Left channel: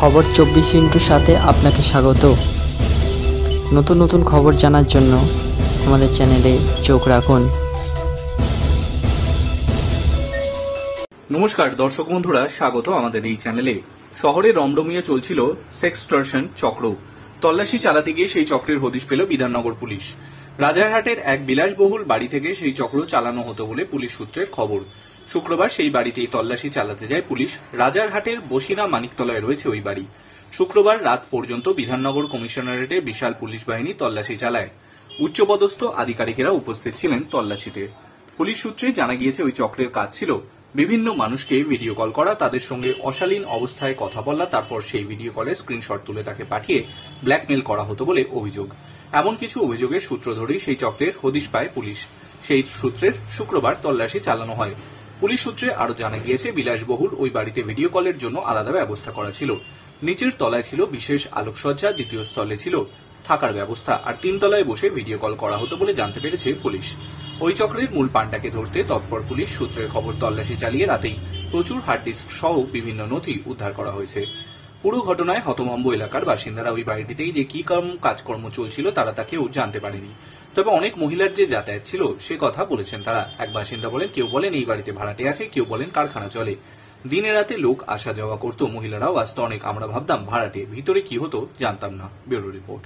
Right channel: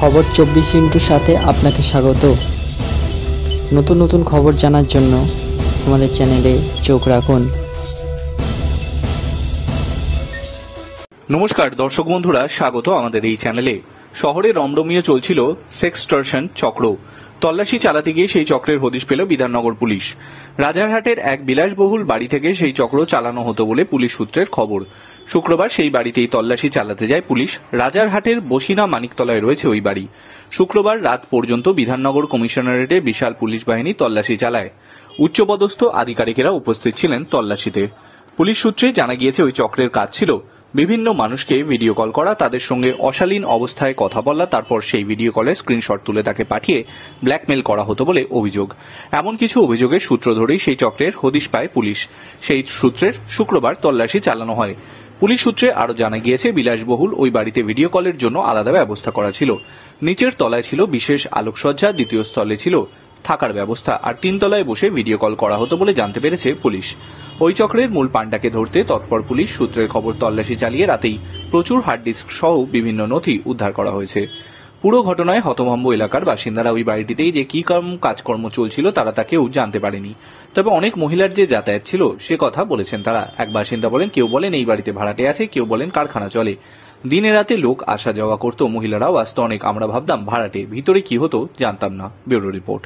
খবর 24 সাথে আপনাকে স্বাগত। নতুন নতুন খবর জানার জন্য আমাদের চ্যানেলে চোখ রাখুন। নমস্কার দর্শক বন্ধুরা, স্বাগত আমাদের এই চ্যানেলে। শহরে রমরমিয়ে চলছিল সেক্সটর্শন চক্র। তল্লাশি চালাতে গিয়ে সেই চক্রের হদিশ পেল বিধাননগর পুলিশ। রাজারহাটের এক বিলাসবহুল বাড়ি থেকে সেই চক্র চালানো হতো বলে পুলিশ সূত্রের খবর। শুক্রবার সেই বাড়িতেই তল্লাশি চালাতে যায় পুলিশ। রাজারহাটের বসিনা মানিকতলায় রয়েছে ওই বাড়ি। শুক্রবার রাত পর্যন্ত বিধাননগর কমিশনারেটে বিশাল পুলিশ বাহিনী তল্লাশি চালায়। উচ্চপদস্থ আধিকারিকেরা উপস্থিত ছিলেন তল্লাশিতে। পুলিশ সূত্রে জানা গিয়েছে ওই চক্রের কাজ ছিল বিভিন্ন মানুষকে ভিডিও কল করা, তাদের সঙ্গে অশালীন অবস্থায় কথা বলা, তারপর সেই ভিডিও কলের স্ক্রিনশট তুলে তাকে পাঠিয়ে ব্ল্যাকমেল করা হতো বলে অভিযোগ। এমন কিছু অভিযোগের সূত্র ধরেই সেই চক্রের হদিশ পায় পুলিশ। সেই সূত্রের শুক্রবার তল্লাশি চালানো হয়। পুলিশ সূত্রে আরও জানা গিয়েছে, বিলাসবহুল ওই বাড়িতে ভিডিও কলের জন্য আলাদা ব্যবস্থা করা ছিল। নিচের তলায় ছিল বিশেষ আলোকসজ্জা, দ্বিতীয় স্থলে ছিল থাকার ব্যবস্থা, আর 3 তলায় বসে ভিডিও কল করা হতো বলে জানতে পেরেছে পুলিশ। ওই চক্রের মূল পাণ্ডাকে ধরতে তৎপর পুলিশ সূত্রের খবর তল্লাশি চালিয়ে রাতেই প্রচুর হার্ড ডিস্ক সহ বিভিন্ন নথি উদ্ধার করা হয়েছে। পুরো ঘটনায় হতভম্ব এলাকার বাসিন্দারা ওই বাড়িটিতেই যে কি কাজকর্ম চলছিল তারা তা কেউ জানতে পারেনি। তবে অনেক মহিলার যে যাতায়াত ছিল সে কথা বলেছেন তারা। এক বাসিন্দা বলেন, কেউ বলেন এই বাড়িতে ভাড়াটে আছে, কেউ বলেন কারখানা চলে। দিনে রাতে লোক আসা যাওয়া করতো, মহিলারাও আসতো অনেক। আমরা ভাবতাম ভাড়াটে, ভিতরে কি হতো জানতাম না। Bureau report.